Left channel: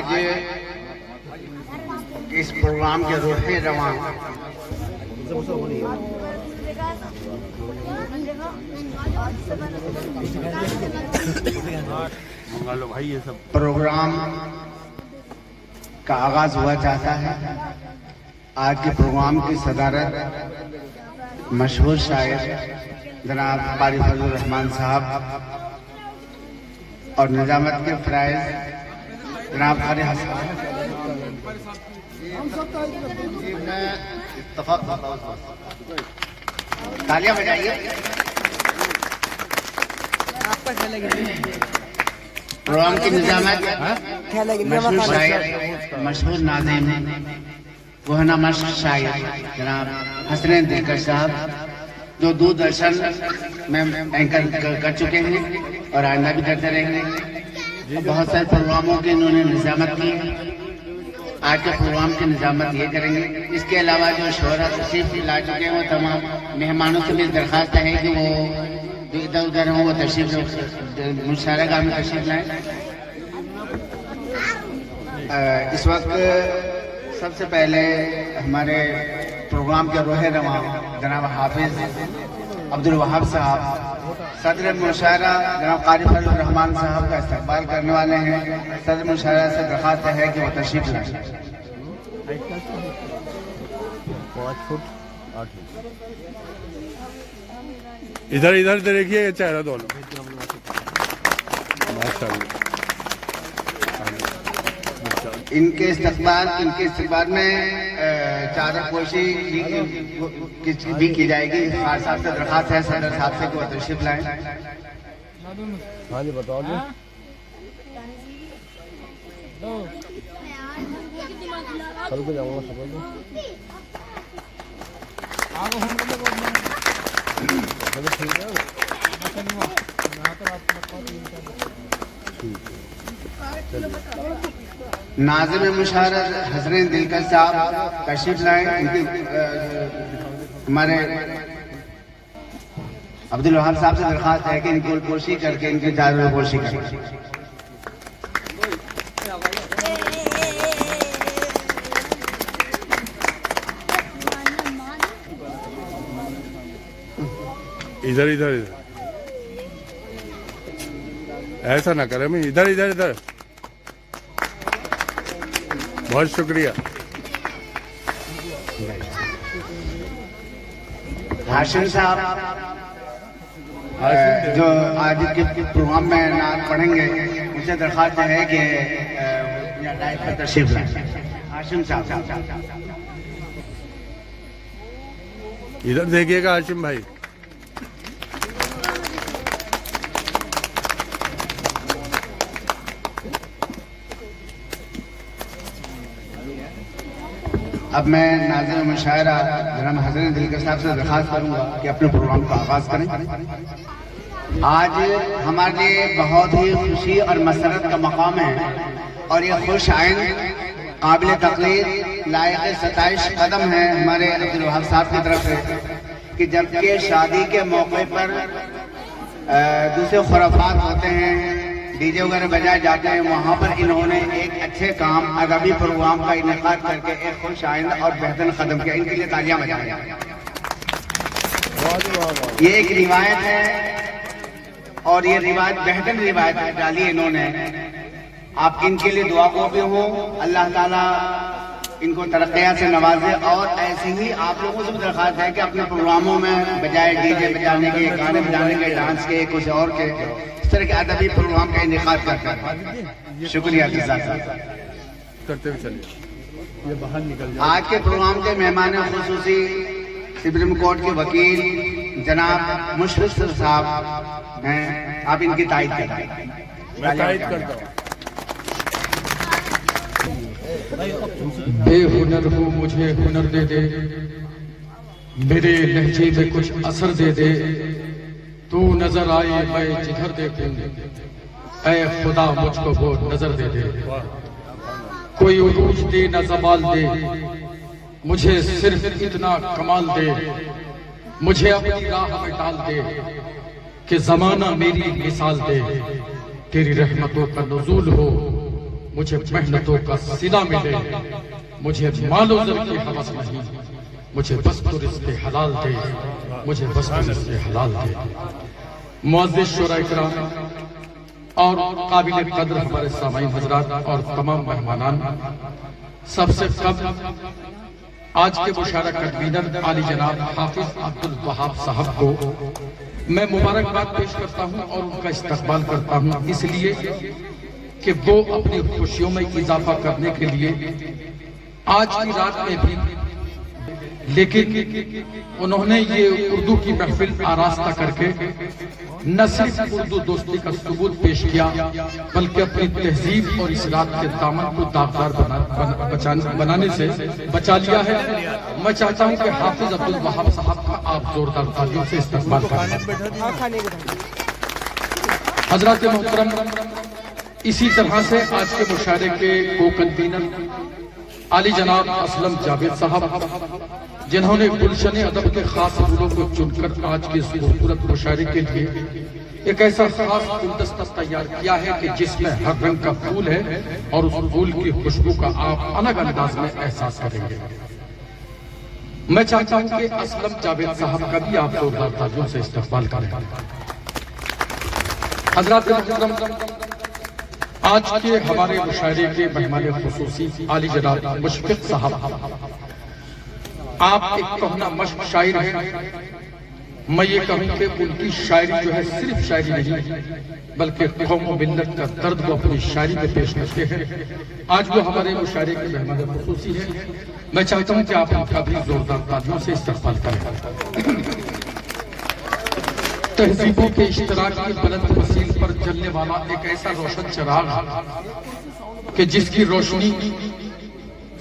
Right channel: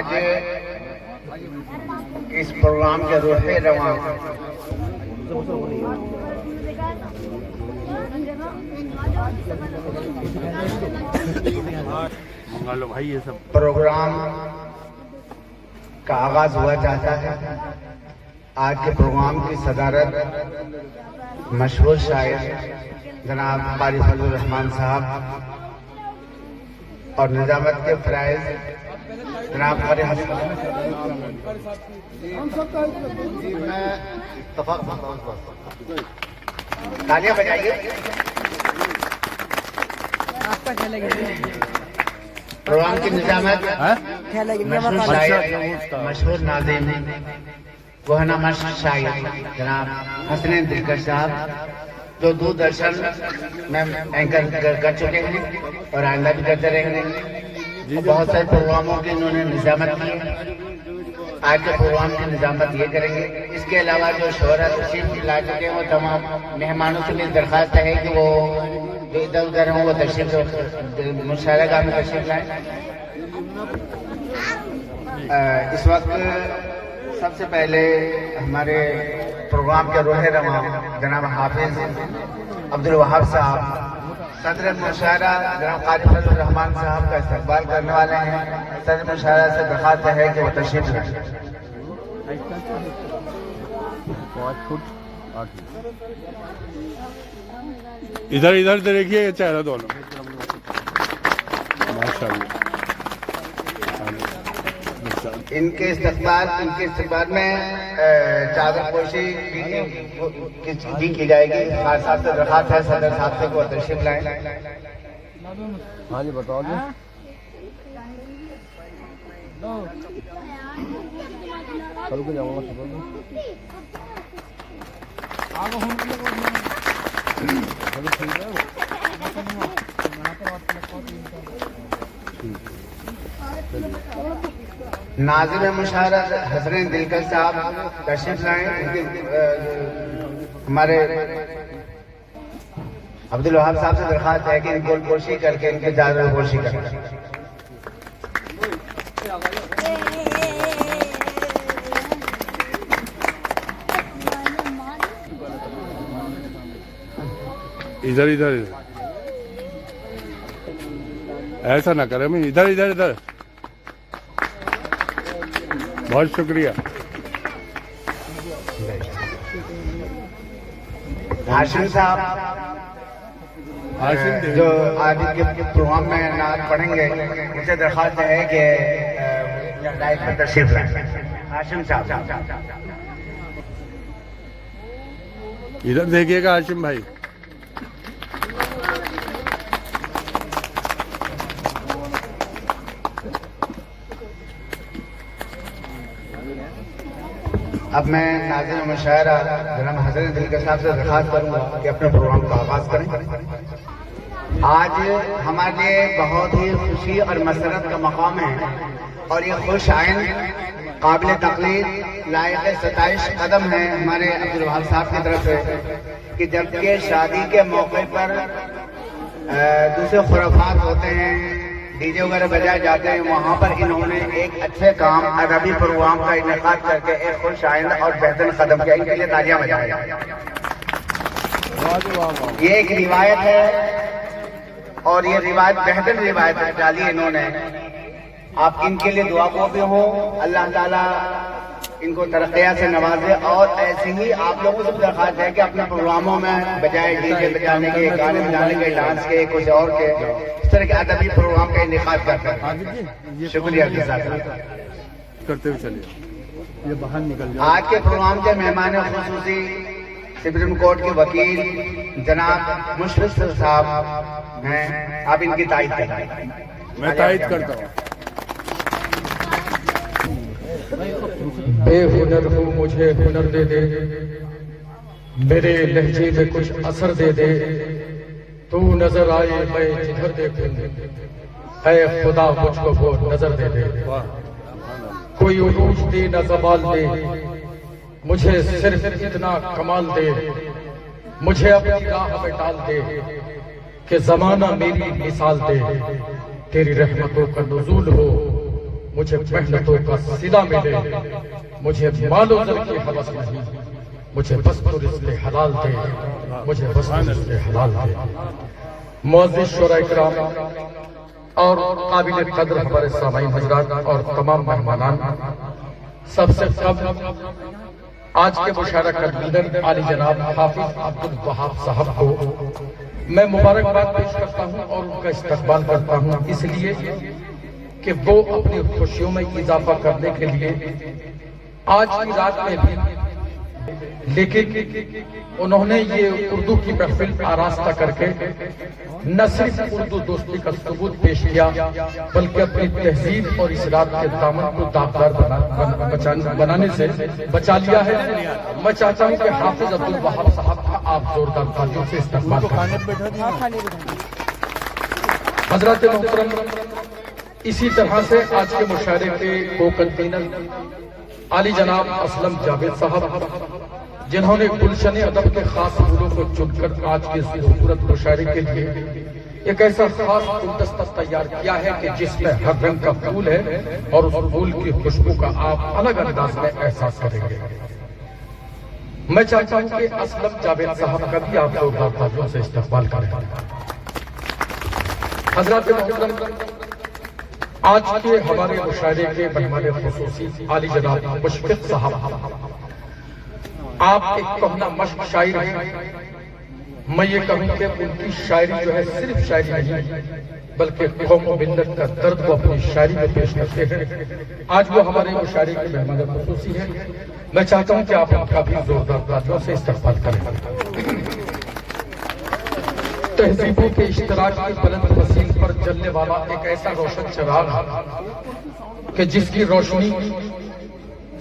آج اس پروگرام کے روح رواں پروگرام کا آغاز ہوا چاہتا ہے. آج کے پروگرام کی صدارت مشہور شاعر جناب قاری فضل الرحمان صاحب اور نظامت کے فرائض جناب قاری حسن. میں اتفاق تالیاں بجائیے. پروگرام کی نظامت مشہور شاعر مشہور ناظم گوہنا مشق شاعر جناب حسنین دلکش صاحب جو دوردرشن میں اینکر کر چکے ہیں اور آئندہ بھی کرتے رہیں گے. بہت سارے پروگراموں کی انہوں نے نظامت کی. آج کے پروگرام کی نظامت یہ کریں گے. اس کے علاوہ جو شہرت تشریف لا چکے ہیں وہ تمام مہمانوں سے میری درخواست ہے کہ وہ جو ادھر ادھر ہوں وہ تشریف مشاعرہ گاہ میں تشریف لائیں. اس وقت سب سے پہلے ہمارے پروگرام کے روح رواں جناب حافظ عبدالوہاب صاحب صدر مشاعرہ جناب قاری فضل الرحمان صاحب کا استقبال کرنے والے ہیں. صدر مشاعرہ سے درخواست ہے کہ وہ تشریف لائیں. ادھر ادھر دیکھیے یہ چہرہ دونوں ماشاءاللہ. ان کے استقبال میں چادر پوشی بھی کی جائے گی. خاص صاحب سے درخواست ہے صدر صاحب سے کہ وہ تشریف لائیں. ہاں جی بتاؤ جی. چل کے جاؤں گا ناظم مشاعرہ حسنین دلکش صاحب تشریف لائیں. ہمارے عبدالوہاب صاحب سے درخواست ہے کہ ان کی کوشش کر کے ان کی چادر پوشی کریں. ادھر ادھر ادھر ایسا نہ کرے. میں ادھر ادھر ادھر. بہت شکریہ. ہاشم صاحب جو آج کے پروگرام میں نعت پڑھیں گے ان سے درخواست ہے کہ ڈائٹ پر تشریف لائیں. ہاشم صاحب ادھر دیکھیے گا ہاشم بھائی. اب میں ناظم مشاعرہ جناب حسنین دلکش صاحب سے درخواست کروں گا کہ اپنے پروگرام کا آغاز کریں. آج ہمارے لیے بہت ہی خوشی اور مسرت کا مقام ہے اور یہ خوش آئند قابل تقلید لائق ستائش قدم ہے ہمارے عبدالوہاب صاحب کی طرف سے کہ جبکہ شادی کے موقع پر دوسرے خرافات ہوتے ہیں ڈی جے وغیرہ بجائے جاتے ہیں وہاں پر انہوں نے ایک اچھے کام ادبی پروگرام کا انعقاد کر کے ایک خوش آئند اور بہترین قدم کیا. ان کے لیے تالیاں بجائیں. یہ ایک روایت ہے اور یہ روایت بہترین روایت ڈالی انہوں نے. آپ ان کے لیے دعا کو بھی ہو. اللہ تعالیٰ ان کو ترقیات سے نوازے. اور ایسے ہی آپ لوگوں سے بھی درخواست ہے کہ اپنے پروگراموں میں بجائے ڈی جے بجانے کے گانے بجانے کے ڈانس کے کچھ اور کے اس طرح کے ادبی پروگرام کا انعقاد کرتے ہیں. شکریہ کرتے ہوئے چلیے. آج کے پروگرام کے مہمان خصوصی سپریم کورٹ کے وکیل جناب مشفق صاحب ہیں. آپ ان کی تائید کریں. میں تائید کرتا ہوں. بے ہنر ہو مجھے ہنر دے دے میرے لہجے میں کچھ اثر دے دے. تو نظر آئے میں جدھر دیکھوں اے خدا مجھ کو وہ نظر دے دے. کوئی عروج دے نہ زوال دے مجھے صرف اتنا کمال دے. مجھے اپنی راہ میں ڈال دے کہ زمانہ میری مثال دے. تیری رحمتوں کا نزول ہو मुझे मेहनतों का सिला मिले, मुझे मालो ज़र की हवस नहीं, मुझे बस तो रिज़्क़े हलाल दे, मुझे बस तो रिज़्क़े हलाल दे। मुअज़्ज़िज़ शोराए किराम और काबिल कदर हमारे सामाईन हज़रात और तमाम मेहमानान, सबसे कम आज के मुशायरा कन्वीनर आली जनाब हाफिज अब्दुल वहाब साहब को मैं मुबारकबाद पेश करता हूं और उनका इस्तकबाल करता हूं, इसलिए कि वो अपनी खुशियों में इजाफा करने के लिए आज की रात में भी, लेकिन उन्होंने ये उर्दू की महफिल आरास्ता करके न सिर्फ उर्दू दोस्ती का सबूत पेश किया, बल्कि अपनी तहजीब और इस्लाम के दामन को दागदार बनाने से बचा लिया है। मैं चाहता हूं कि हाफिज अब्दुल वहाब साहब का आप जोरदार तालियों से इस्तेमाल करें। हजरत मोहतरम, इसी तरह से आज के मुशायरे के को कन्वीनर आली जनाब असलम जावेद साहब, जिन्होंने गुलशन अदब के खास फूलों को चुनकर आज के खूबसूरत मुशायरे के लिए एक ऐसा खास गुलदस्ता तैयार किया है कि जिसमें हर रंग का फूल है और उस फूल की खुशबू का आप अलग अंदाज में एहसास करेंगे। मैं चाहता हूं कि असलम जावेद साहब का भी आप लोग तालियों से इस्तकबाल करें। हज़रात मोहतरम, आज के हमारे मुशायरे के मेहमान खुसूसी आली जनाब मुशफिक साहब, आप एक कहना मश्क शायर हैं। मैं ये कहूं कि उनकी शायरी जो है सिर्फ शायरी नहीं, बल्कि कौम व मिल्लत का दर्द को अपनी शायरी में पेश करते हैं। आज वो हमारे मुशायरे के मेहमान खुसूसी हैं। मैं चाहता हूं कि आप उनका भी जोरदार तालियों से इस्तकबाल करें। तहजीबों के इश्तराक की बुलंद वसील पर जलने वाला एक ऐसा रोशन चिराग कि जिसकी रोशनी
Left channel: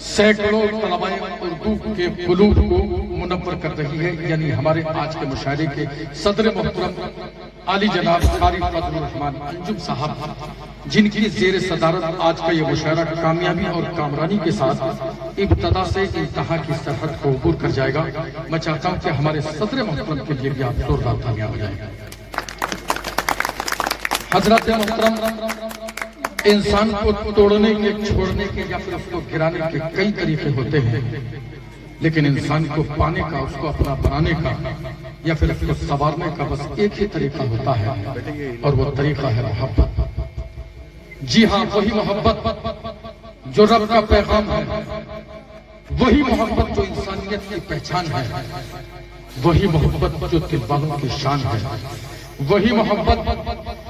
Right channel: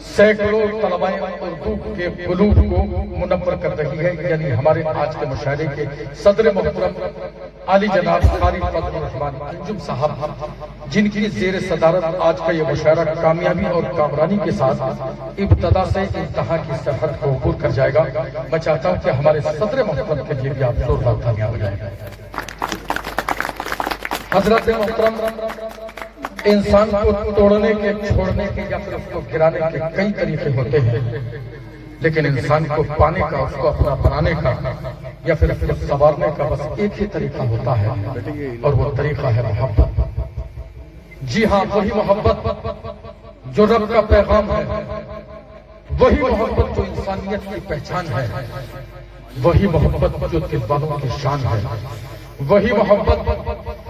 सैकड़ों तलबाए उर्दू के कुलूब को मुनव्वर कर रही है, यानी हमारे आज के मुशायरे के सदर मोहतरम आली जनाब कारी फजलुर रहमान अंजुम साहब, जिनकी जेर सदारत आज का ये मुशायरा कामयाबी और कामरानी के साथ इब्तदा से इंतहा की सरहद को अबूर कर जाएगा। मैं चाहता हूं कि हमारे सदर मोहतरम के लिए भी आप जोरदार तालियां बजाएं। हजरत मोहतरम, इंसान को तोड़ने के, छोड़ने के या फिर उसको गिराने के कई तरीके होते हैं, लेकिन इंसान को पाने का, उसको अपना बनाने का या फिर उसको संवारने का बस एक ही तरीका होता है, और वो तरीका है मोहब्बत। जी हाँ, वही मोहब्बत जो रब का पैगाम है, वही मोहब्बत जो इंसानियत की पहचान है, वही मोहब्बत जो तिब्बालों की शान है, वही मोहब्बत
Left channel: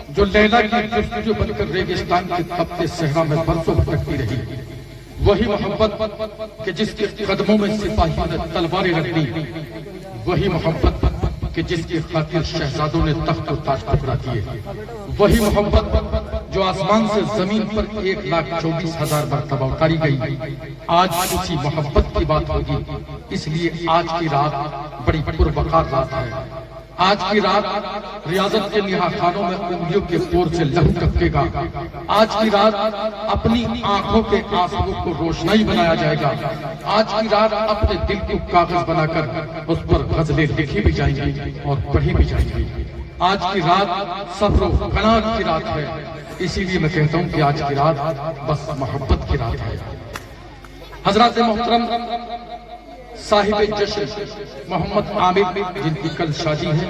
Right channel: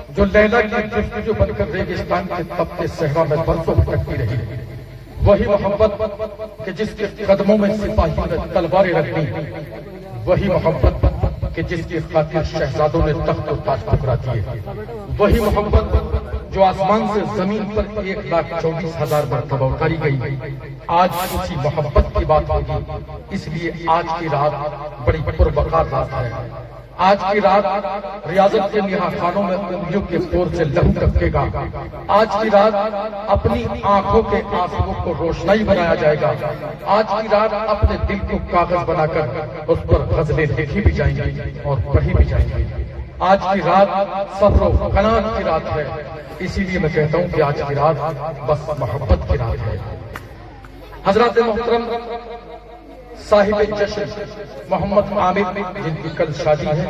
जो लैला की जस्तजू बनकर रेगिस्तान के तपते सहरा में बरसों भटकती रही, वही मोहब्बत कि जिसके कदमों में सिपाहियों ने तलवारें रख दी, वही मोहब्बत कि जिसकी खातिर शहजादों ने तख्त और ताज ठुकरा दिए, वही मोहब्बत जो आसमान से जमीन पर 1,24,000 मरतबा उतारी गई। आज उसी मोहब्बत की बात होगी, इसलिए आज की रात बड़ी पुरवकार रात है। आज की रात रियाजत के निहाखानों में उंगलियों के पोर से लहू टपकेगा। आज की रात अपनी आंखों के आंसुओं को रोशनाई बनाया जाएगा। आज की रात अपने दिल को कागज बनाकर उस पर गजलें लिखी भी जाएंगी और पढ़ी भी जाएंगी। आज की रात सब्र व कनात की रात है, इसीलिए मैं कहता हूं कि आज की रात बस मोहब्बत की रात है। हजरत मोहतरम साहिब जश्न मोहम्मद आमिर, जिनकी कल शादी है,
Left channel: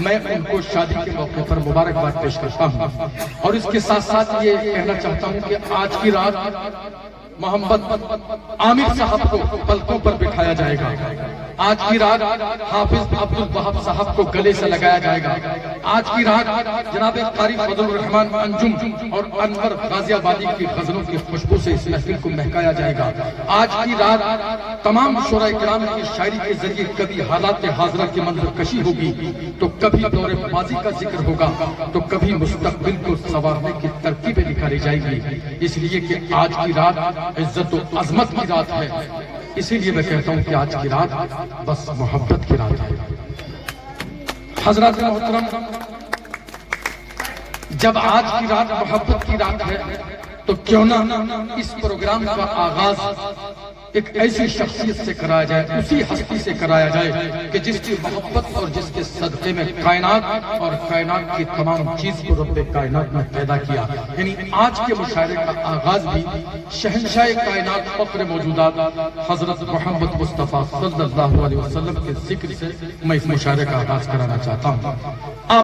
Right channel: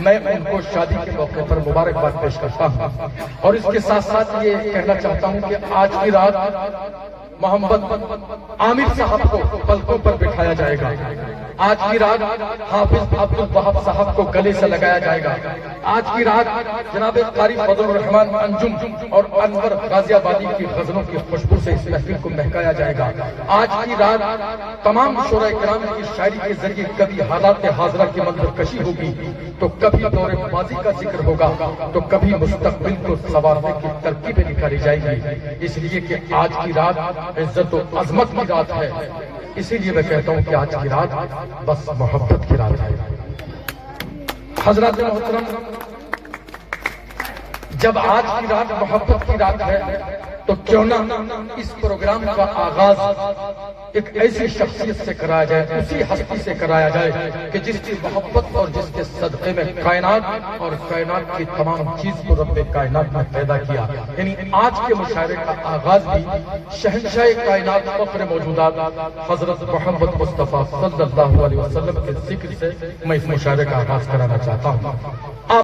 मैं उनको शादी के मौके पर मुबारकबाद पेश करता हूं और इसके साथ साथ ये कहना चाहता हूं कि आज की रात मोहम्मद आमिर साहब को पलकों पर बिठाया जाएगा। आज की रात हाफिज अब्दुल वहाब साहब को गले से लगाया जाएगा। आज की रात जनाब कारी फजलुर रहमान अंजुम और अनवर गाजियाबादी की गजलों की खुशबू से इस महफिल को महकाया जाएगा। आज की रात तमाम शोराए किराम की शायरी के जरिए कभी हालात हाजरा की मंजरकशी होगी, तो कभी दौरे माजी का जिक्र होगा, तो कभी मुस्तकबिल को संवारने की तरकीबें निकाली जाएगी। इसलिए कि आज की रात इज्जत और अजमत की रात है, इसीलिए मैं कहता हूं कि आज की रात बस मोहब्बत की रात है। हजरत मोहतरम, जब आज की रात मोहब्बत की रात है, तो क्यों ना इस प्रोग्राम का आगाज ایک ایسی شخصیت سے کرایا جائے، اسی ہستی سے کرایا جائے کہ جس کی محبت اور جس کے صدقے میں کائنات اور کائنات کی تمام چیز کو رب کائنات نے پیدا کیا. یعنی آج کے مشاعرے کا آغاز بھی شہنشاہ کائنات فخر موجودات حضرت محمد مصطفیٰ صلی اللہ علیہ وسلم کے ذکر سے میں اس مشاعرے کا آغاز کرانا چاہتا ہوں.